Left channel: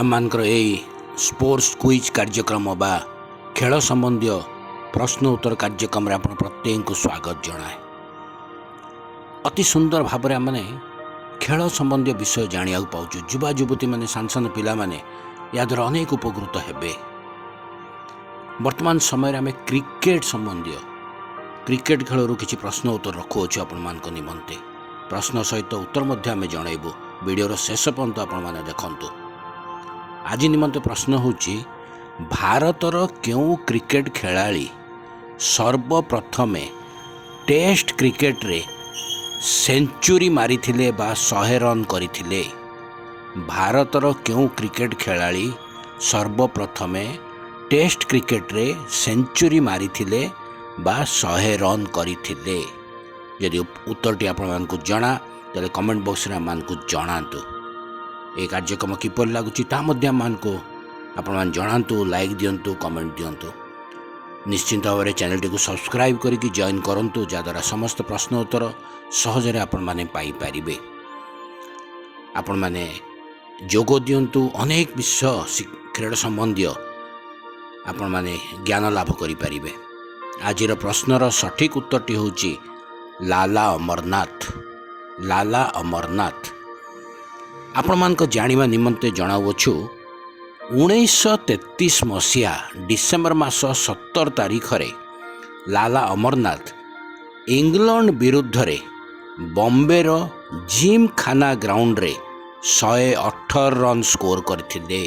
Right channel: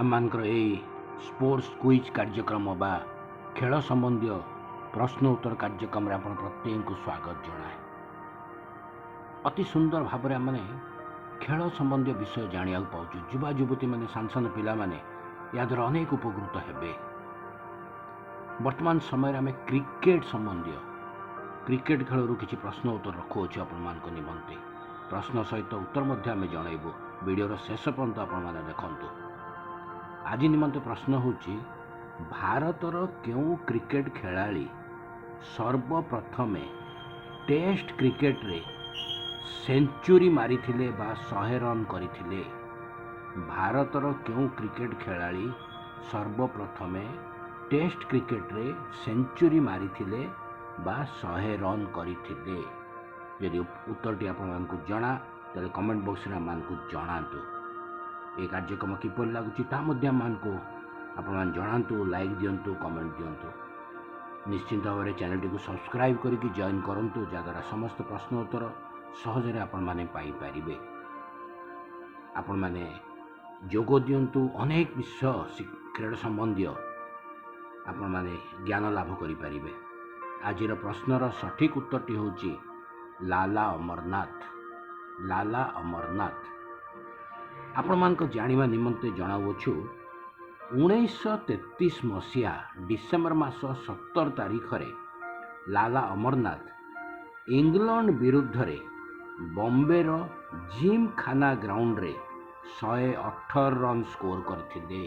आमମାନଙ୍କର ଏଇ sports quiz କାର୍ଯ୍ୟକ୍ରମ ବା ଖେଳ ସମ୍ବନ୍ଧୀୟ ପ୍ରଶ୍ନ ଉତ୍ତର କାର୍ଯ୍ୟକ୍ରମରେ ଆପଣ ପ୍ରତ୍ୟେକଙ୍କୁ ସ୍ୱାଗତ ଜଣାଏ। ଅତି ସୁନ୍ଦର ଭାବରେ ଆମେ ଖେଳ ସମ୍ବନ୍ଧୀୟ ବିଷୟ ଜାଣିବାକୁ ପାଉଛୁ। ଯୁବା ଯୁବତୀମାନେ ସାନ ସାନ ପିଲାମାନେ ଏହାଦ୍ୱାରା ଅନେକ ଉପକୃତ ହେବେ। ବର୍ତ୍ତମାନ ସମୟରେ ଆମେ କ୍ରିକେଟ ସମ୍ବନ୍ଧୀୟ କ୍ରିକେଟ ଖେଳରୁ କିଛି ପ୍ରଶ୍ନ ଉତ୍ତର ରଖୁଅଛୁ ଆପଣମାନଙ୍କ ନିମନ୍ତେ। ପ୍ରଶ୍ନ ସହିତ ଉତ୍ତର ମଧ୍ୟ ଆମେ ଜଣାଇବୁ। ଭିଡ଼ିଓର ଶେଷ ପର୍ଯ୍ୟନ୍ତ ଆପଣମାନେ ଦେଖନ୍ତୁ। ଆଜି ନିମନ୍ତେ ପ୍ରଶ୍ନ ହେଉଛି, ଭାରତର କେଉଁ କ୍ରିକେଟ ଖେଳାଳି ସର୍ବପ୍ରଥମେ ଟେଷ୍ଟ କ୍ରିକେଟରେ ସେଞ୍ଚୁରୀ ମାରିଥିଲେ ବା 100 ରନ୍ କରିଥିଲେ? ଭାରତର କେଉଁ କ୍ରିକେଟ ଖେଳାଳି ସର୍ବପ୍ରଥମେ ଟେଷ୍ଟ କ୍ରିକେଟରେ ସେଞ୍ଚୁରୀ ମାରିଥିଲେ ବା 100 ରନ୍ କରିଥିଲେ? ଯଦି ଉତ୍ତରଟି ଆପଣମାନଙ୍କୁ ଜଣା ତାହେଲେ କମେଣ୍ଟ ବକ୍ସରେ ଆମମାନଙ୍କୁ ଜଣାନ୍ତୁ। ଏ କାର୍ଯ୍ୟକ୍ରମ କିପରି ଲାଗୁଛି ତାହା ମଧ୍ୟ ଆମମାନଙ୍କୁ ଆପଣମାନେ ଜଣାନ୍ତୁ। ଲାଇକ୍ ଦିଅନ୍ତୁ, କମେଣ୍ଟ ଦିଅନ୍ତୁ। ନିଶ୍ଚିନ୍ତ ଭାବରେ ଚ୍ୟାନେଲଟିକୁ ସବସ୍କ୍ରାଇବ୍ କରିକି ଜଏନ୍ କରନ୍ତୁ, ଯାହାଦ୍ୱାରା ସମସ୍ତ ପ୍ରଶ୍ନ ଉତ୍ତର ସହଜରେ ଆପଣମାନେ ପାଇପାରିବେ। ଆପଣମାନେ ଯୋଗ ଦିଅନ୍ତୁ, ଅନେକ ବିଷୟ କ୍ରୀଡ଼ା ସମ୍ବନ୍ଧୀୟ ଆପଣମାନେ ଜ୍ଞାନ ଲାଭ କରିପାରିବେ। ଆଜିର ପ୍ରଶ୍ନର ସଠିକ୍ ଉତ୍ତରଟି ହେଉଛି ଲାଲା ଅମରନାଥ। ଲାଲା ଅମରନାଥ। ଆପଣମାନଙ୍କ ଜାଣିବା ନିମନ୍ତେ ଜଣାଉଅଛୁ, 1933 ମସିହା ଡିସେମ୍ବର ମାସ 17 ତାରିଖରେ ଲାଲା ଅମରନାଥ ଇଂଲଣ୍ଡ ବିରୁଦ୍ଧରେ ବମ୍ବେର ଜିମ୍ ଖାନା ଗ୍ରାଉଣ୍ଡରେ 118 ରନ୍ ସ୍କୋର କରିଥିଲେ।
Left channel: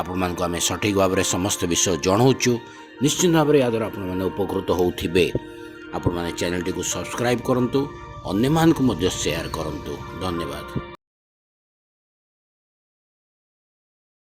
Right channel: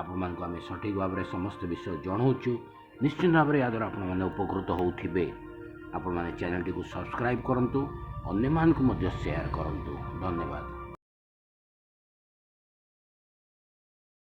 ଆପଣମାନଙ୍କୁ ଆମେ ସଠିକ୍ ଭାବରେ ସମସ୍ତ ବିଷୟ ଜଣାଉଛୁ। ନିଶ୍ଚିତ ଭାବରେ ଏହାଦ୍ୱାରା ଆପଣମାନେ ଉପକୃତ ହେଉଥିବେ। ଆପଣମାନେ ଚ୍ୟାନେଲଟିକୁ ସବସ୍କ୍ରାଇବ୍ କରନ୍ତୁ, ଅନ୍ୟମାନଙ୍କୁ ମଧ୍ୟ ସେୟାର କରନ୍ତୁ। ଧନ୍ୟବାଦ।